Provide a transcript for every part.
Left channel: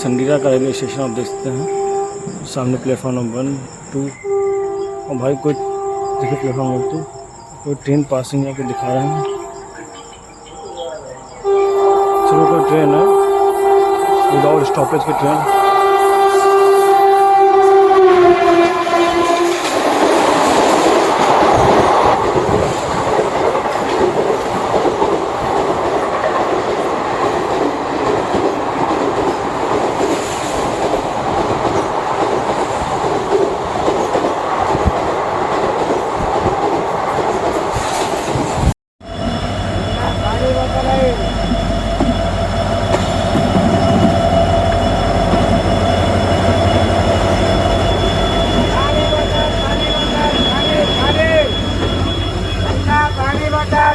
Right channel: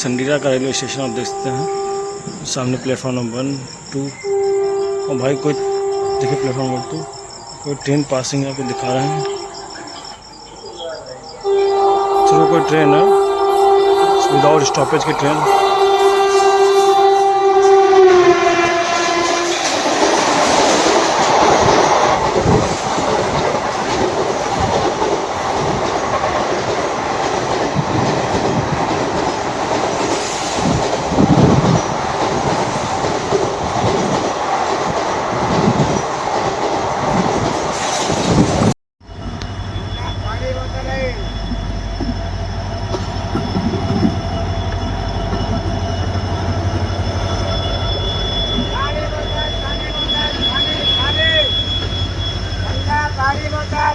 संडीला का railway station आप देख सकते हैं। सामने प्लेटफॉर्म नंबर 1, 2 और भाई कोई देखिए प्लेटफॉर्म नंबर 2 कोई ट्रेन पासिंग है, कोई दिखा रहे हैं। चलो कोई ट्रेन है विदाउट स्टॉपेज की ट्रेन।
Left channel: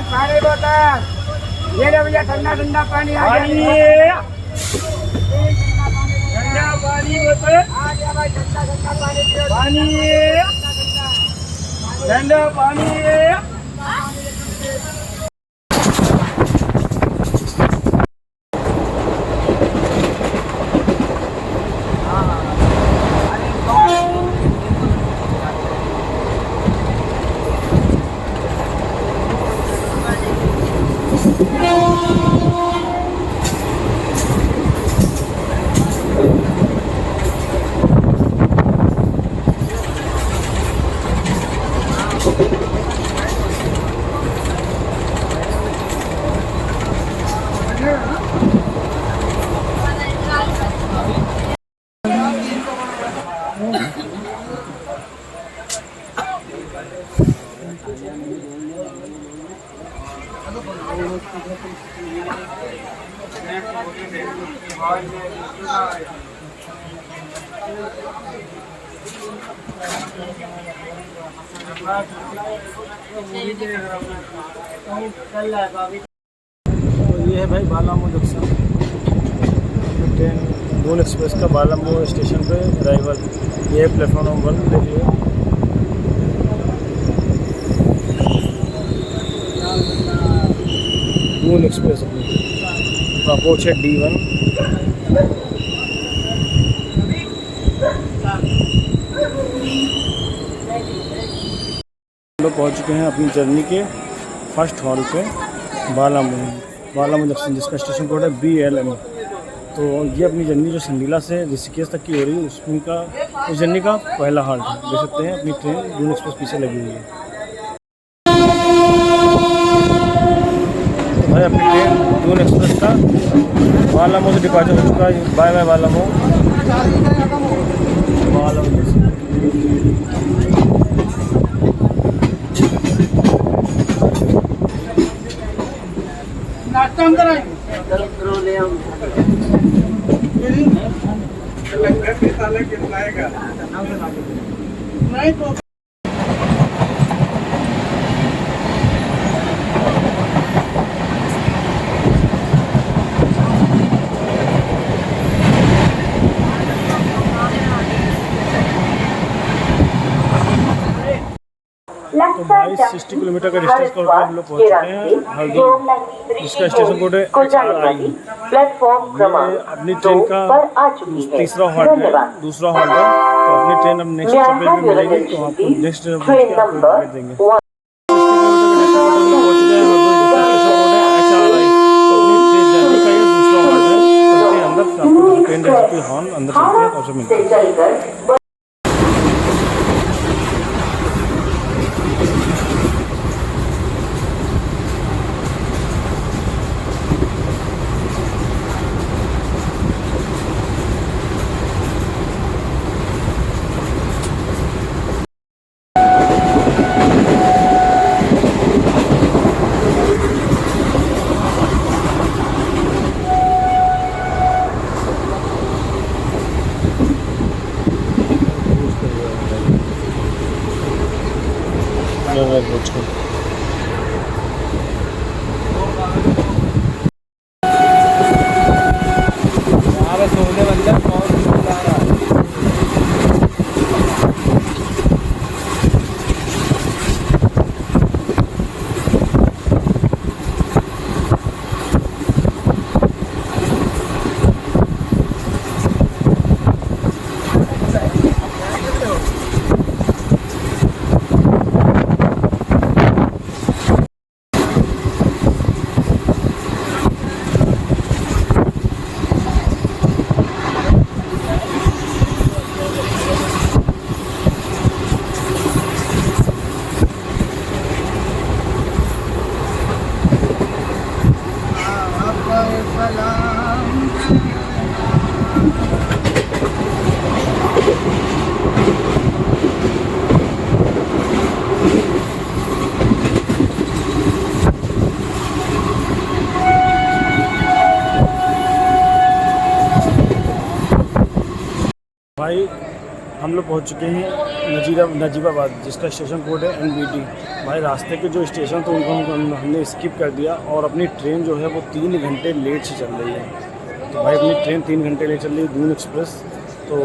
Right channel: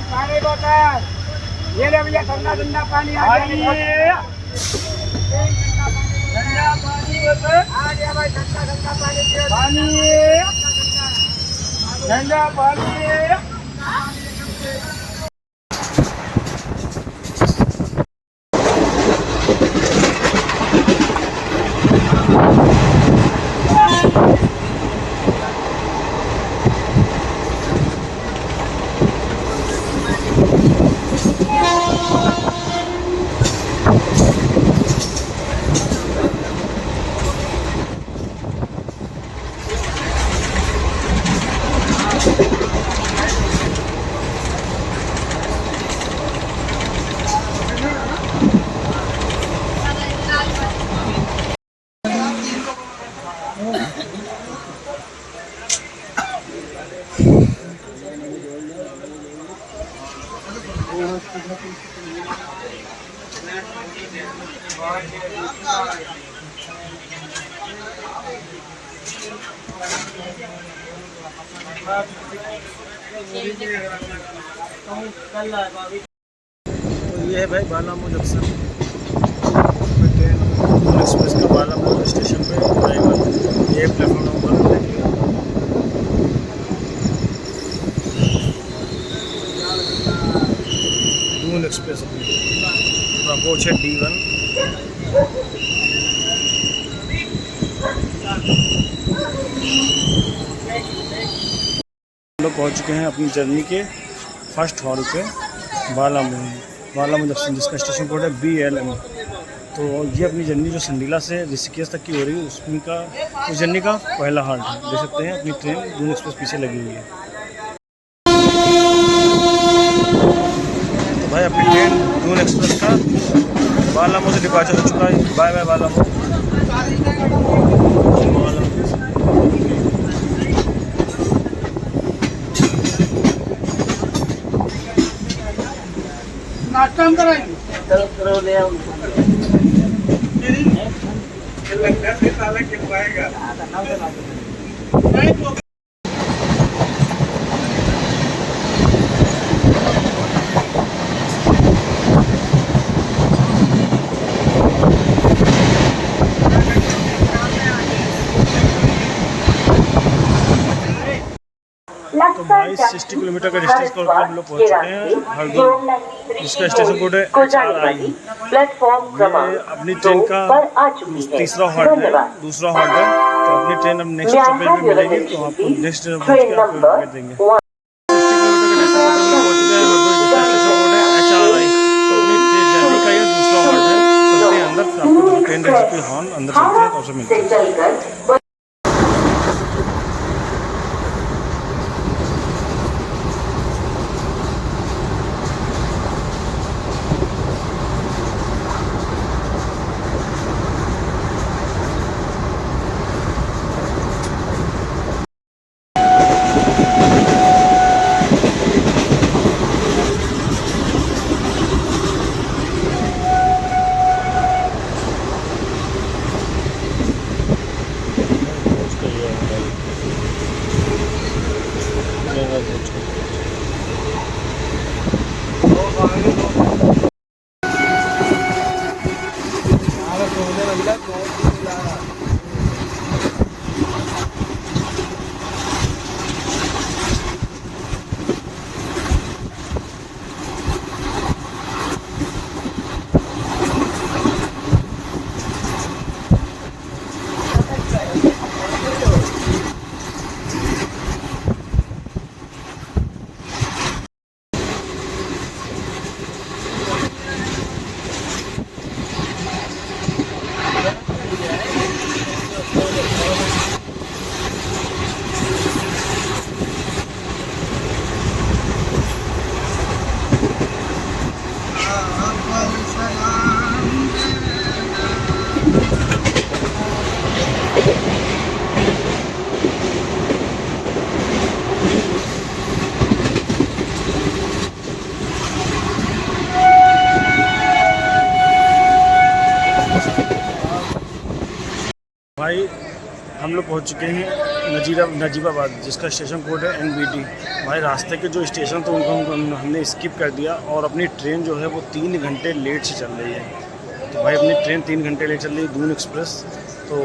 पानी बोतल ये लो भैया, ठंडा ठंडा पानी आ गया। ठंडा पानी बोतल आ गया भाई, ठंडा ठंडा पानी पियो। ठंडा पानी तो ये है भाई Balamau junction train Doon express का बालामऊ स्टेशन पे ड्राइवर। ये प्लेटफॉर्म नंबर 1 देखिए। दून एक्सप्रेस अपनी अप्रोच है D1। हम लोग पहुँच चुके हैं अपनी जर्नी के फर्स्ट हॉल पे बालामऊ जंक्शन, जिसका स्टेशन कोड है BLM। तो ये अपनी जर्नी जो संडीला से ऋषिकेश तक की हो रही है उसमें का उस जर्नी का पहला हाल्ट है। देख सकते हैं अपनी ट्रेन दून एक्सप्रेस पीछे लगी हुई है। तो भाई अपनी ट्रेन दून एक्सप्रेस का बालामऊ से डिपार्चर हो चुका है। Bye bye Balamau. तो 22-60 किलोमीटर का डिस्टेंस कवर कर हम लोग पहुँच चुके हैं हरदोई, जिसका स्टेशन कोड है HRI। ये अपनी ट्रेन का तीसरा हॉल्ट है, दूसरा हॉल्ट है। तो अपनी ट्रेन अब नेक्स्ट स्टॉपेज पे मिलेगी, तो आपको नेक्स्ट स्टेशन पहुँच के आपको अपडेट देंगे। 60 किलोमीटर का डिस्टेंस पर हम लोग पहुँच चुके हैं हरदोई, जिसका स्टेशन कोड है HRI। तो अपनी ट्रेन जर्नी का ये दूसरा हॉल्ट है। चलते हैं अंदर, आपको ट्रेन रेसिपी हॉर्न अंदर चलते हैं और सब मिलते हैं। भाई हम लोग पहुंच चुके हैं नजीबाबाद, जिसका स्टेशन कोड है NBD। भाई रास्ते के जो स्टेशन थे उनको हमने स्किप कर दिया और अपनी ट्रेन जो है वो 3 घंटे लेट से चल रही है। तो भाई अपनी ट्रेन 3 घंटे लेट चल रही है, दून एक्सप्रेस। तो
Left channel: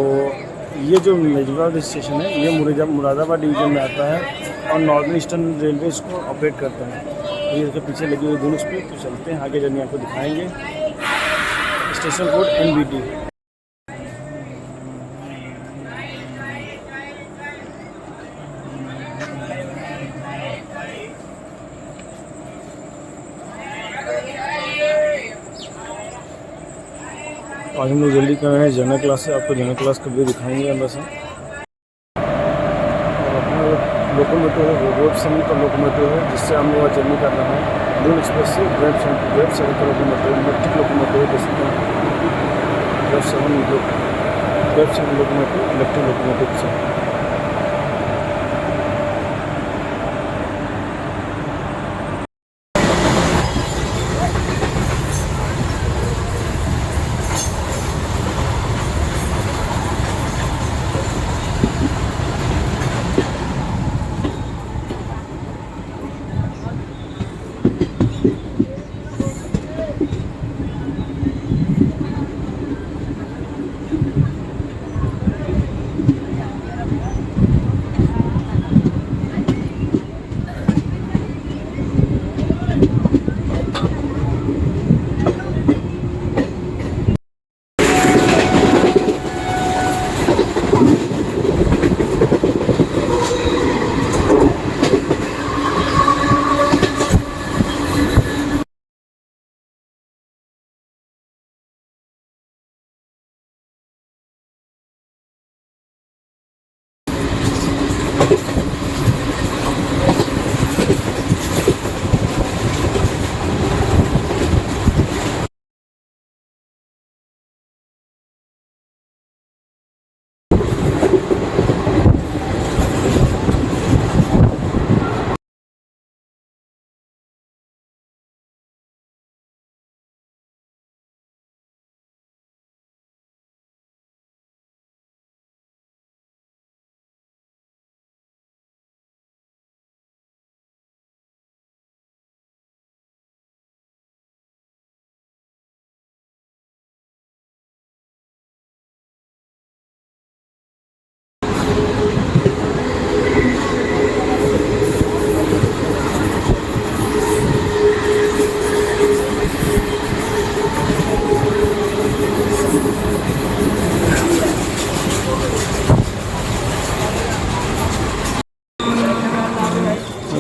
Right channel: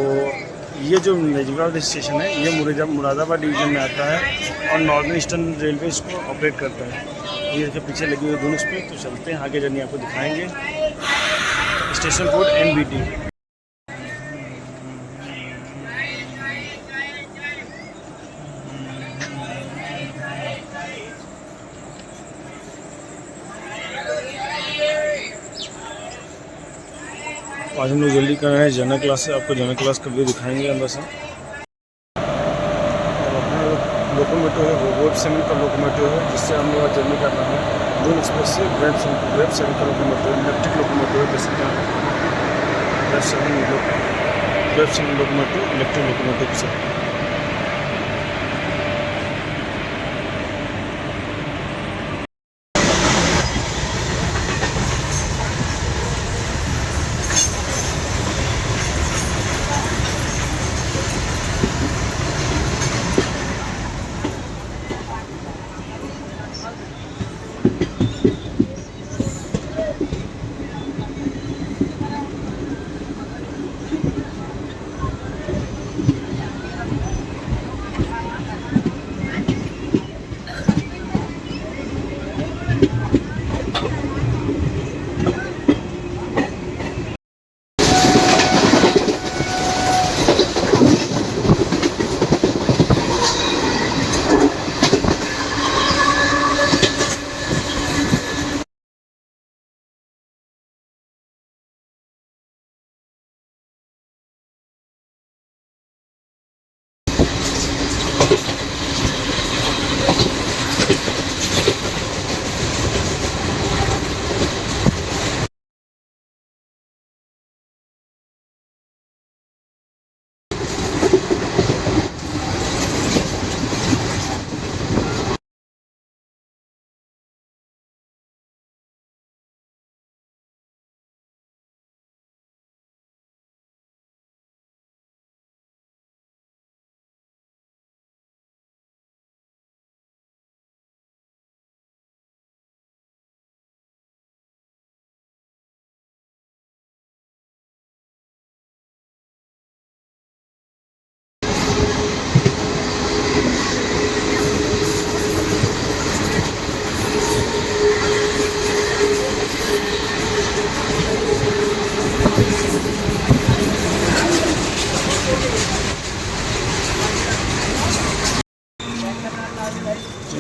ये जो नजीबाबाद स्टेशन है ये मुरादाबाद डिवीज़न में आता है और नॉर्दर्न ईस्टर्न रेलवे इसको ऑपरेट करता है। ये इसके पीछे लगी हुई दून एक्सप्रेस। तो चलते हैं आगे, जर्नी आपको दिखाएँगे। Station code NBD। आज हम लोग जल्दी कर रहे हैं जनरल क्लास से, आपको जनरल क्लास का व्यू दिखाएंगे अंदर से। और अपना लोकोमोटिव है वो वेब 7 का लोकोमोटिव है, जिससे हम लोग आज जर्नी कर रहे हैं दून एक्सप्रेस से। वेब 7 का लोकोमोटिव, इलेक्ट्रिक लोकोमोटिव है, जैसे वेब 7 लोकोमोटिव इलेक्ट्रिक लोकोमोटिव से।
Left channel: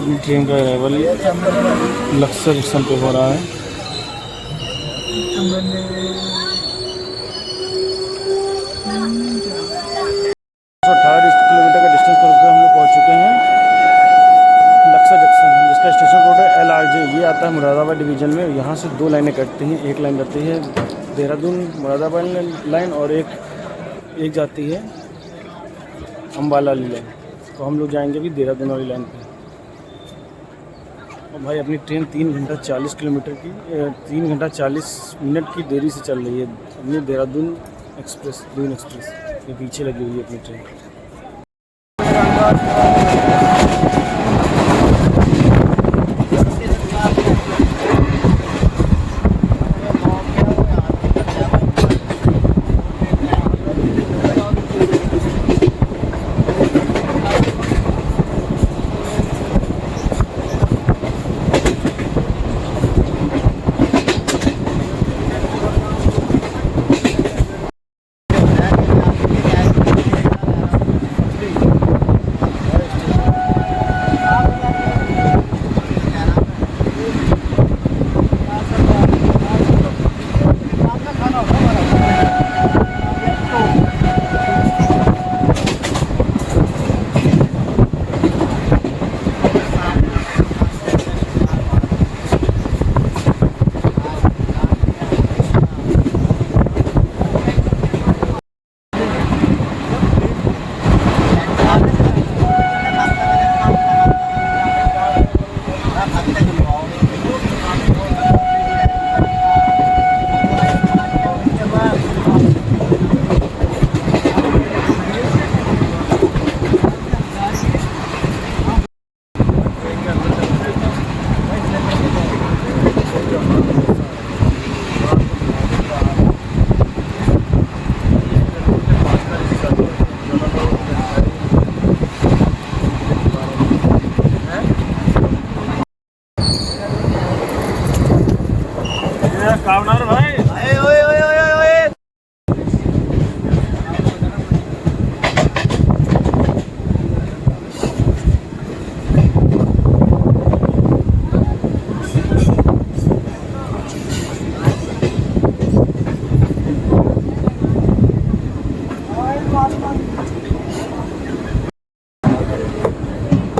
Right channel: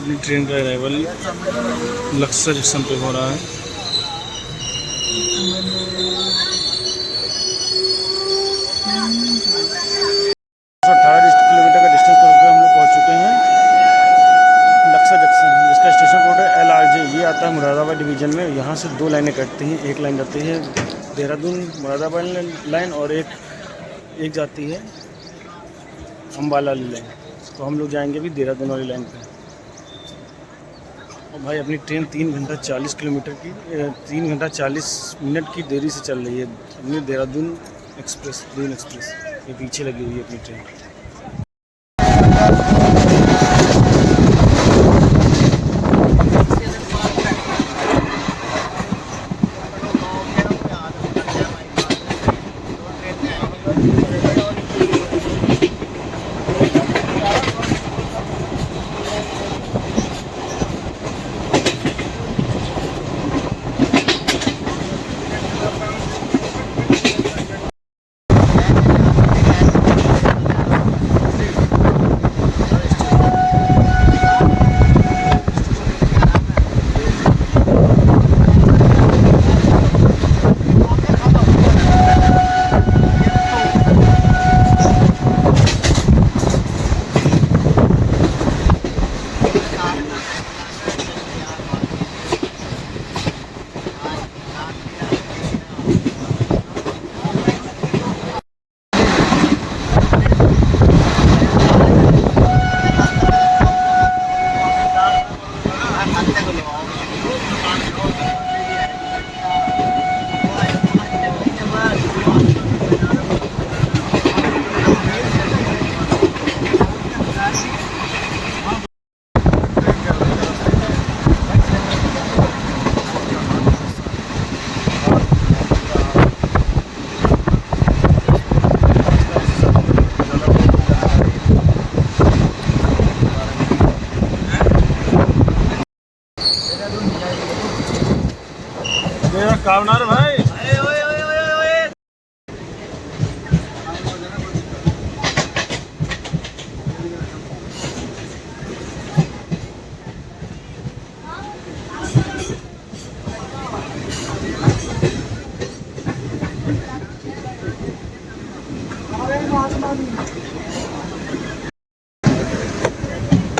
अपनी ट्रेन का अराइवल लक्सर स्टेशन पे हो रहा है। 118 किलोमीटर का डिस्टेंस करके हम लोग पहुंच चुके हैं लक्सर जंक्शन, जिसका स्टेशन कोड है LRJ। ये आता है मुरादाबाद डिवीज़न में। यहाँ से 2 लाइनें कटती हैं, एक लाइन जाती है देहरादून मुरादाबाद लाइन और एक जाती है अम्बाला वाली लाइन। तो हम लोग जाएंगे अभी देहरादून वाली लाइन पे। और भाई अपनी ट्रेन 3 घंटा 40 किलोमीटर की 3 घंटा 40 मिनट की देरी से चल रही है। अपनी देहरादून एक्सप्रेस, दून एक्सप्रेस ये पीछे लगी हुई है अपनी ट्रेन।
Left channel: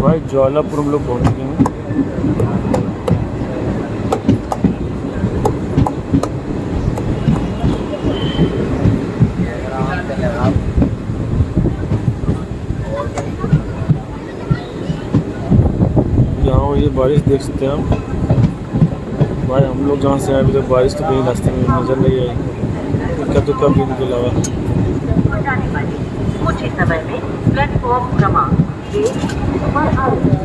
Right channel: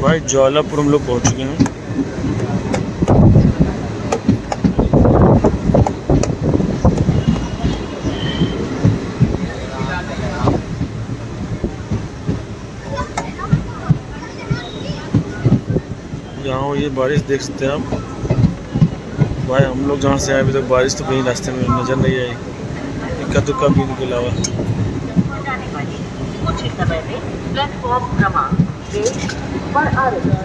भाई ज्वालापुर हम लोग पहुंच चुके हैं। यहाँ ये बारिश देख सकते हैं आप। भाई हम लोग जहाँ से आए अभी तक बारिश तो कहीं रास्ते में नज़र नहीं आई, इक्का दुक्का भी इनके अलावा। कुछ ही समय में प्लेटफॉर्म क्रमांक 6 पर आ रही है।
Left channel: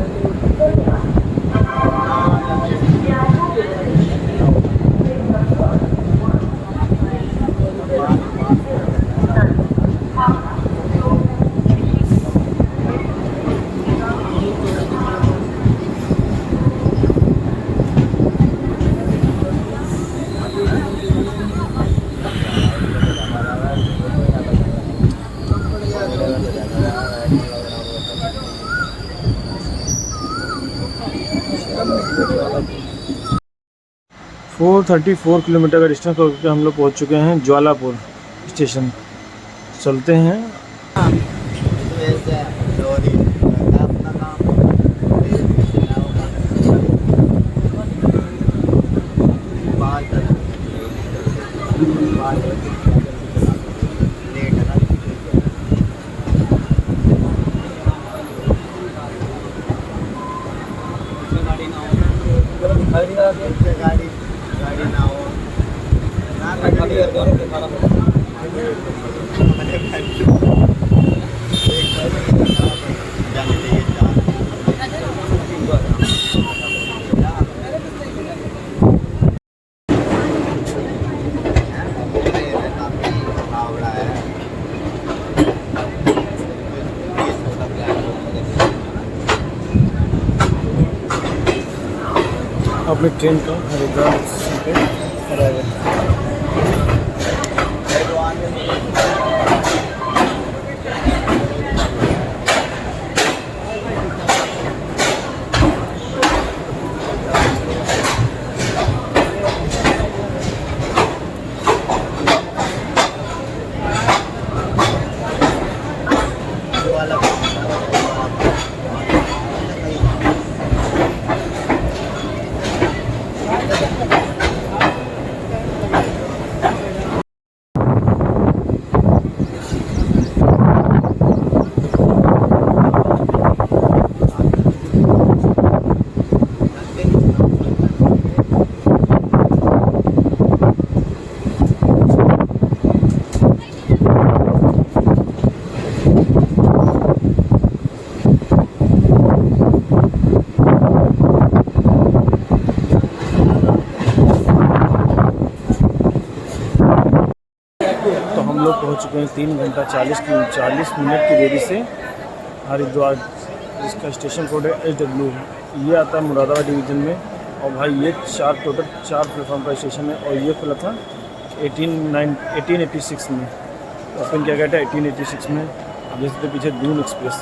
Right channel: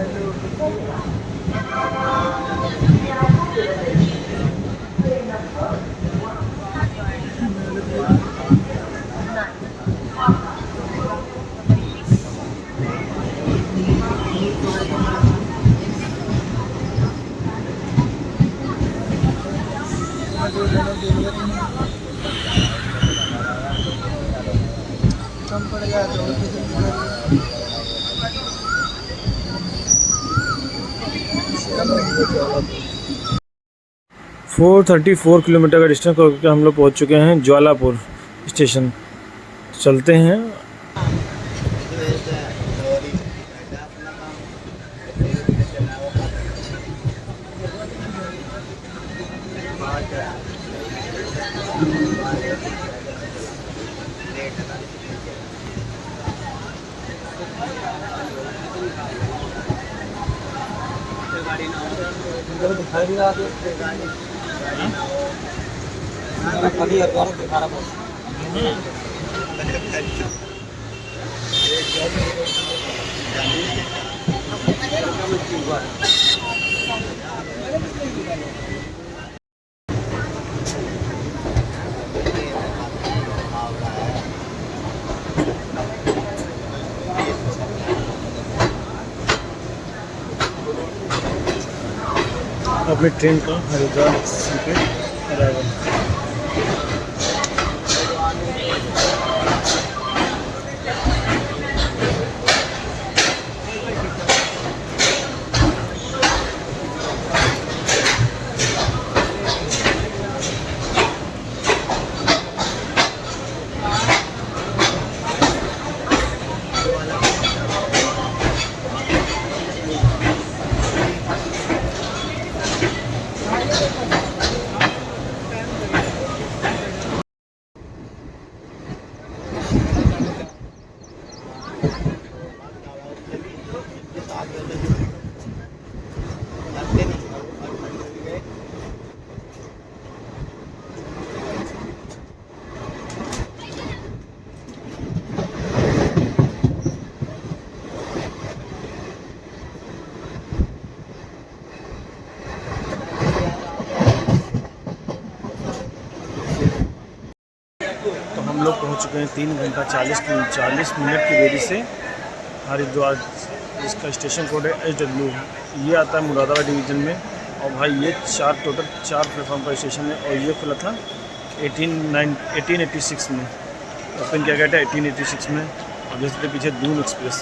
फोर 34 किलोमीटर का डिस्टेंस करके हम लोग पहुंच चुके हैं ज्वालापुर स्टेशन। चलते हैं। अपनी ट्रेन का हरिद्वार स्टेशन पे अराइवल। तो हम लोग पहुंच चुके हैं 3 घंटा 40 मिनट की देरी से हरिद्वार, जिसका स्टेशन कोड है SW। ये आता है मुरादाबाद डिवीज़न में। और भाई ये टोटल 4 प्लेटफॉर्म का स्टेशन है। और ये खुला था 1886 में। ओपन किया गया था 1886 में। अब जैसे पीछे दून एक्सप्रेस,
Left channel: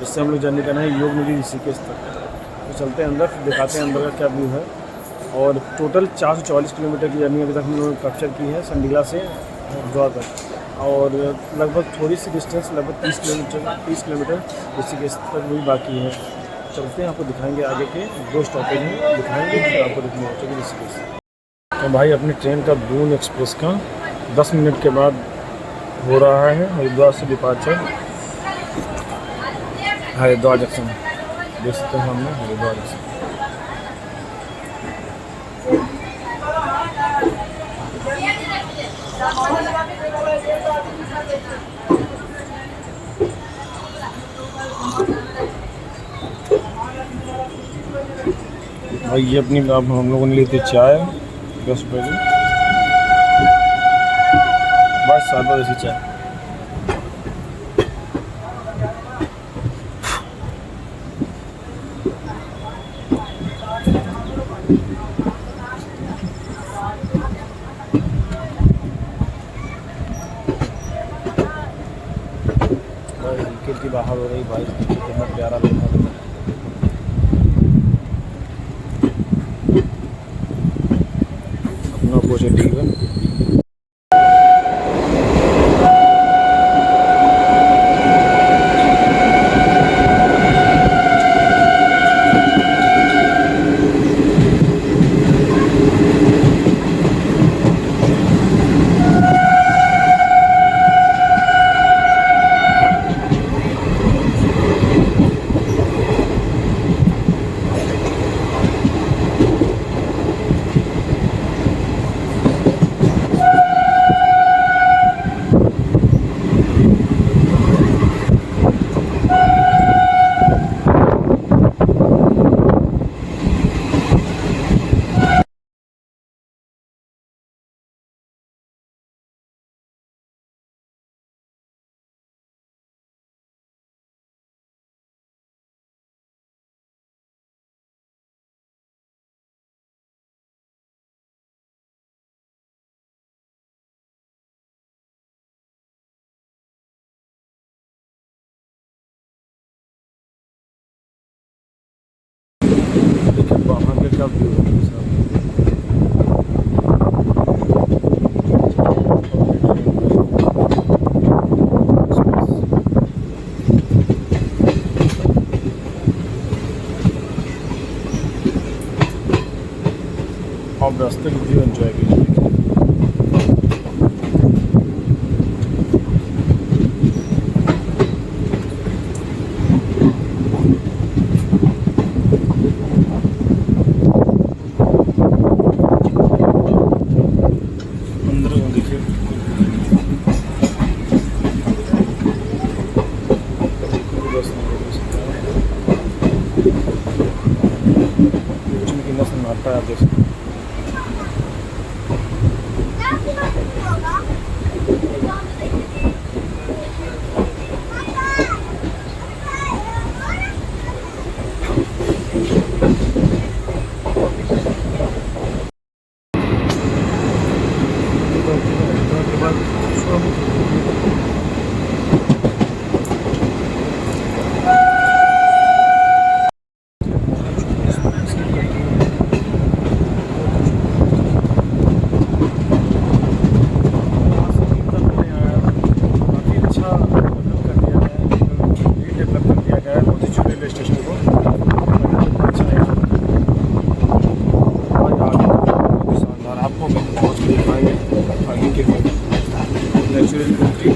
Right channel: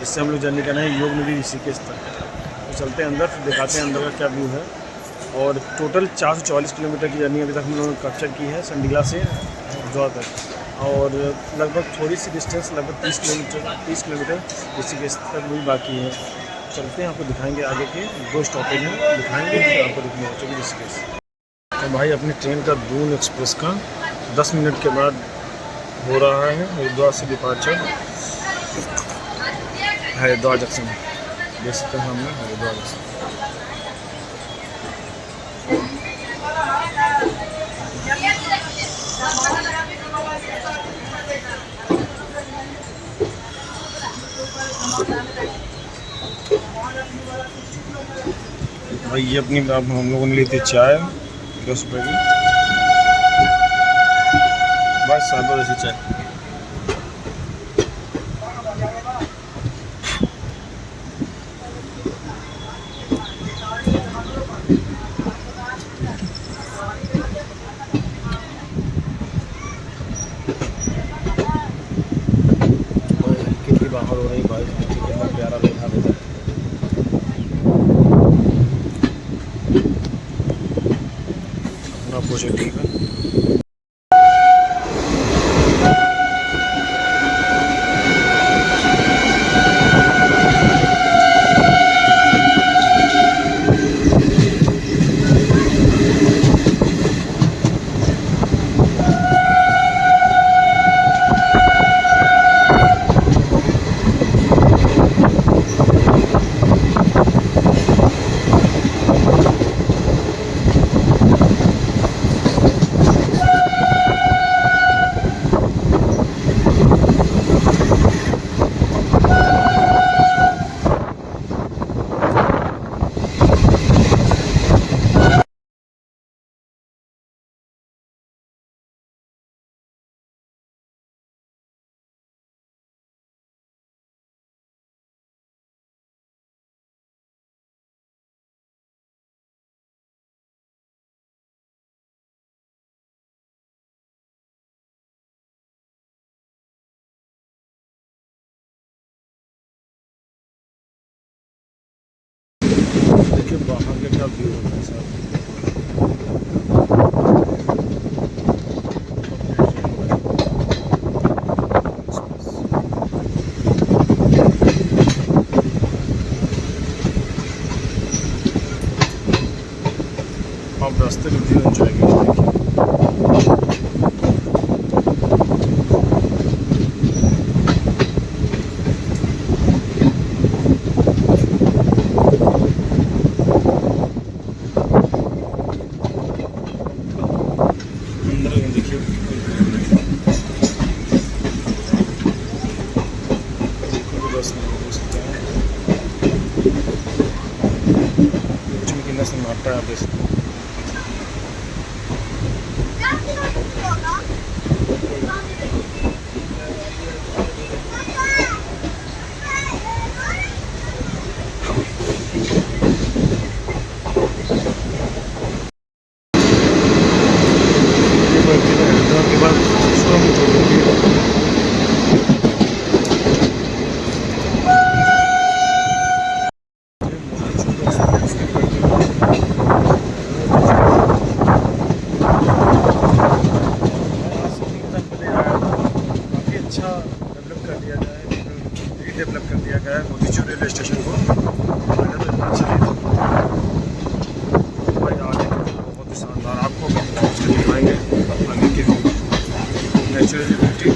जिससे हम लोग जर्नी करना है योग नदी ऋषिकेश तक। तो चलते हैं अंदर, फिर दिखाते हैं अंदर का क्या व्यू है। और टोटल 444 किलोमीटर की जर्नी अभी तक हम लोगों ने कैप्चर की है संडीला से हरिद्वार तक। और लगभग थोड़ी सी डिस्टेंस, लगभग 30 किलोमीटर ऋषिकेश तक भी बाकी है। चलते हैं, आपको दिखाएंगे आगे के 2 स्टॉपेज हैं, दिखाएंगे फिर आपको दिखने पहुँचेगी ऋषिकेश। तो भाई अपनी ट्रेन का दून एक्सप्रेस का 10 मिनट के बाद हो रहा है हरिद्वार से डिपार्चर। हरिद्वार जंक्शन देख सकते हैं हमने, हरिद्वार जंक्शन। भाई ये अपनी अब हम लोगों ने ली थी चाय 10 रुपये की, बस सादा जैसी चाय। भाई हल्की हल्की बाहर हो रही बारिश, देखिए कितना प्यारा लग रहा है। अपना पॉजिटिव है। देखिए बाहर के क्या व्यू है साहब। आप रास्ते की व्यू एंजॉय कीजिए। अंदर में देखिए बस नहीं हो सकता है। कुछ भी कितना सन्नाटा है आप देख सकते हैं। के बाद उसको हम छोड़ेंगे। काफ़ी अच्छा डेवलप कर दिया गया है, रीडेवलप कर दिया गया है मोतीचूर रेलवे स्टेशन को। अच्छा है भाई, आगे शानदार आपको भी पहुँच कर दिखाएंगे आगे के नेचुरली ब्यूटी।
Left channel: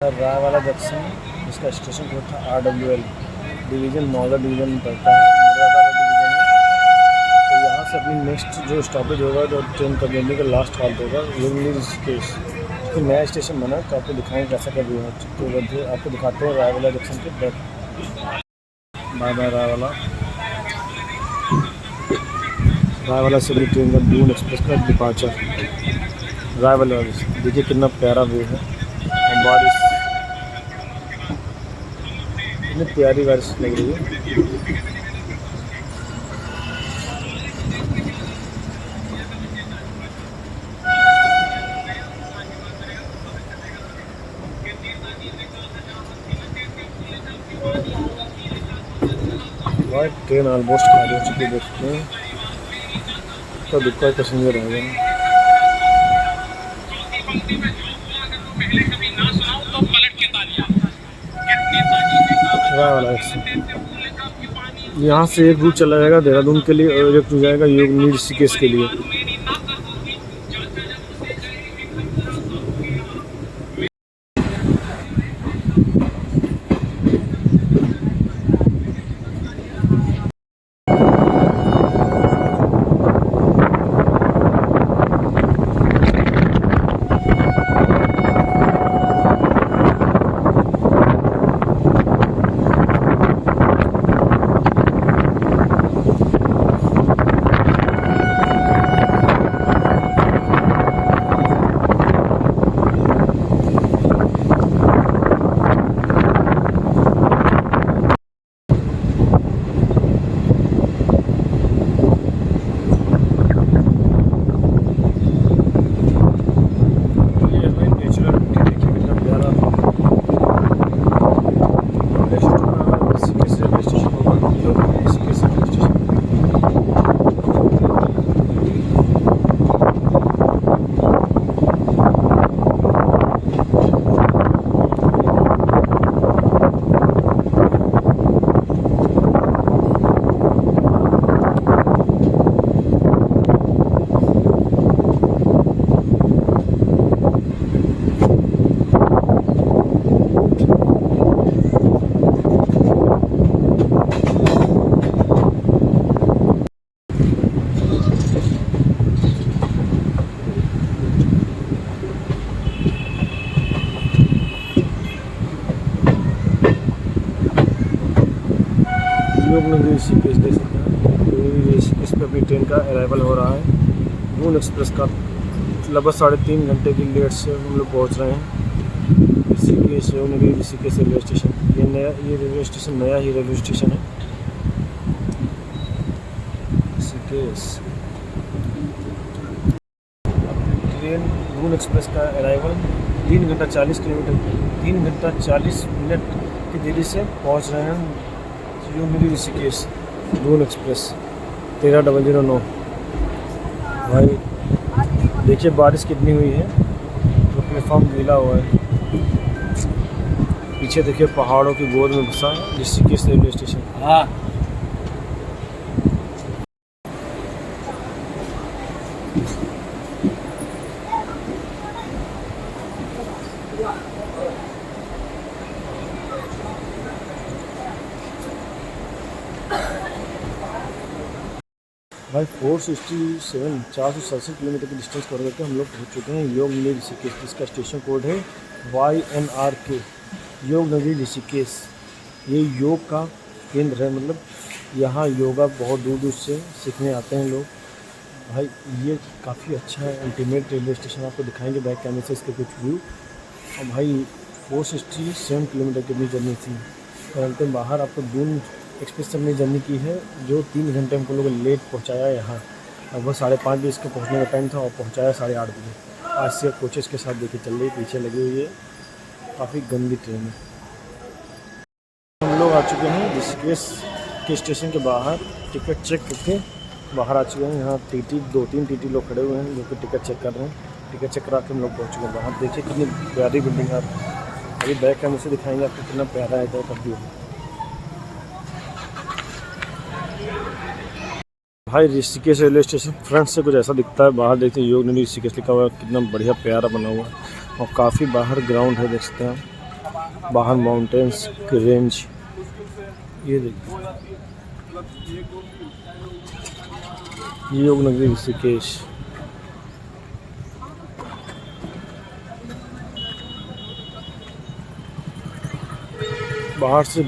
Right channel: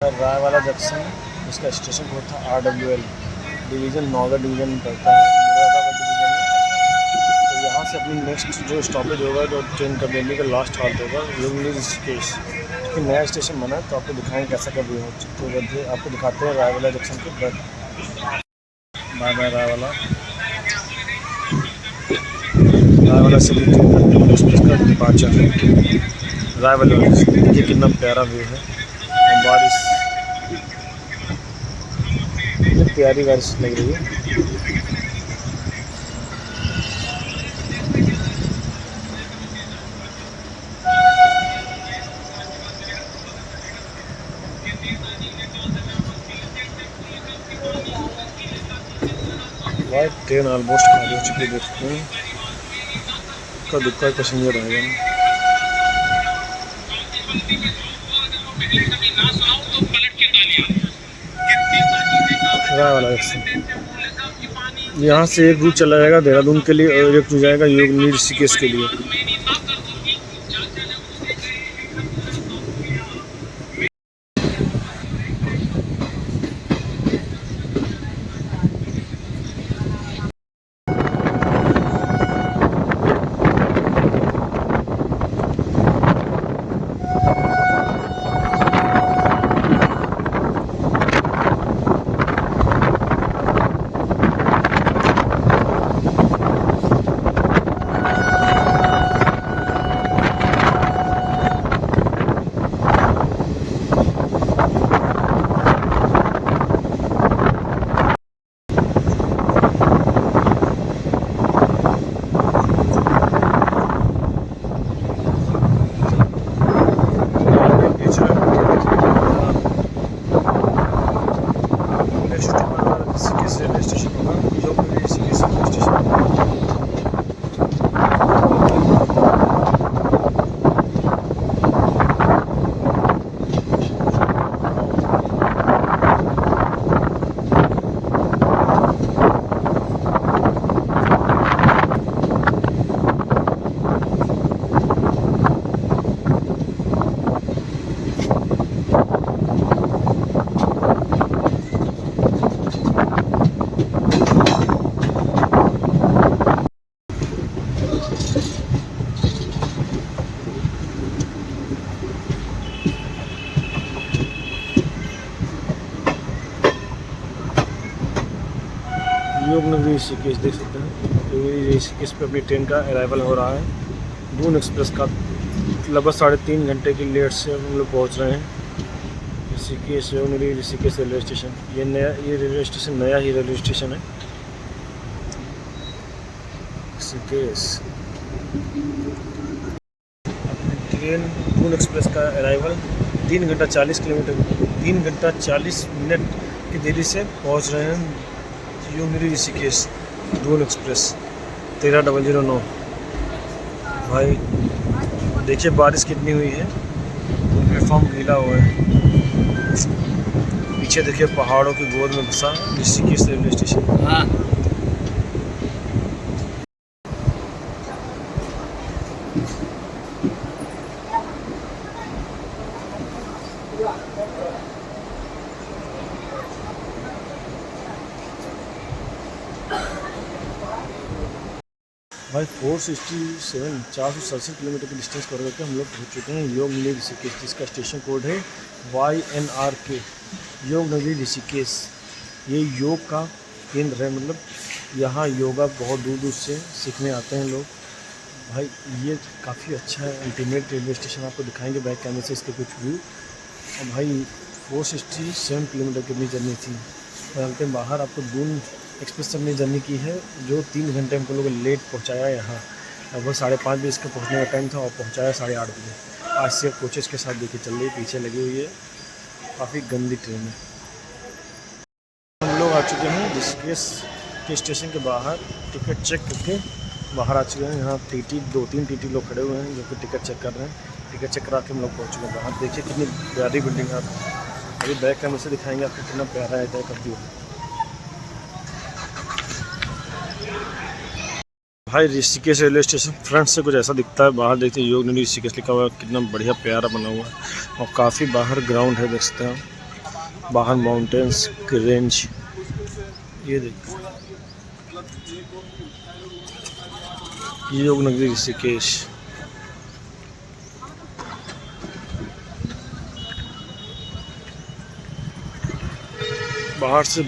रायवाला जंक्शन, इसका स्टेशन कोड था RWL, डिवीज़न नॉर्दर्न डिवीज़न में पड़ता है, मुरादाबाद डिवीज़न में। तो यहाँ से अपनी नेक्स्ट जो स्टॉपेज होगा, जो ट्रेन का जर्नी का लास्ट हॉल्ट होगा, लुम्बिनी ऋषिकेश। कि नया स्टेशन बना है तो आपको दिखाएंगे कैसा क्या व्यू है। तो बल्कि आपको दिखाते हैं रायवाला जंक्शन के बाद। Bye bye Raiwala. रायवाला से भी ट्रेन दून एक्सप्रेस का डिपार्चर। रायवाला देखिए कितना प्यारा व्यू है, और बारिश कितनी प्यारी बारिश लग रही है। भाई ट्रेन ऑलमोस्ट खाली हो चुकी है, देखते हैं का दुक्का पैसेंजर रहेगा। रायवाला यहाँ से एक रूट चला जाएगा देहरादून के लिए, और एक जाएगा योगिनी ऋषिकेश के लिए। योग नगरी ऋषिकेश देख सकते हैं। योग ऋषिकेश पे अपनी ट्रेन का अराइवल हो रहा है। दून एक्सप्रेस का लगभग 3.5 घंटे की लेट से हम लोग पहुँच रहे हैं ऋषिकेश। योग नगरी ऋषिकेश रेलवे स्टेशन, ये रेलवे स्टेशन नया ही रेलवे स्टेशन है ऋषिकेश। ट्रेन दून एक्सप्रेस का अराइवल 3 घंटा 40 किलोमीटर 3 घंटा 40 मिनट की देरी से पहुंच रहे हैं योग नगरी ऋषिकेश दून एक्सप्रेस 13,009। भाई देखिए बारिश कितनी हुई है तो प्लेटफॉर्म गीला हुआ है। पीछे देखिए पहाड़ों की गोद में बसा ऋषिकेश रेलवे स्टेशन। हाँ भाई 467 किलोमीटर की डिस्टेंस कवर करके हम लोग पहुँच चुके हैं योग नगरी ऋषिकेश, जिसका स्टेशन कोड है YNRK योग नगरी ऋषिकेश। ये योग का केंद्र है, मतलब यहाँ योगा बहुत दूर दूर से सीखने आते हैं लोग। भाई ये काफ़ी अच्छा है, अल्टीमेट रेलवे स्टेशन आपको दिखाएंगे बैक कैमरे से इसके कुछ व्यू। और भाई 467 किलोमीटर की अपनी जर्नी थी और अंतिम बाहर आपको दून एक्सप्रेस से अपनी जर्नी की है जो 3 घंटे हमको लोग लेट पहुंचाया यहाँ। लगभग 5:30 बजे इसका पहुंचने का टाइम था और पहुंचाया 8:30 बजे। आज से कोचेस के साथ देखिए चल रही, पीछे लगी हुई है, काफ़ी गंदी ट्रेन है। हम लोग आ चुके हैं ऋषिकेश के स्टेशन के बाहर, टिकट चेक करके बाहर आ चुके हैं। यहाँ टीटी 2-3 टीटी लोग खड़े हुए हैं जो कि टिकट चेक कर रहे हैं। टिकट चेक करा के हम लोग पहुँच चुके हैं बाहर। देखिए कितनी प्यारी बिल्डिंग है, अभी बैक कैमरे से दिखाएंगे आपको कितना प्यारा है इधर का व्यू। भाई ऋषिकेश रेलवे स्टेशन फ्रंट से कुछ ऐसा दिखता है। बाहर देखते हैं योग नगरी ऋषिकेश लिखा हुआ है, कितना बढ़िया प्यारा बना हुआ है। और काफ़ी बाहर ग्राउंड है, देख सकते हैं बाहर माउंटेन्स की रेंज। ये देखिए योग नगरी ऋषिकेश। बाहर से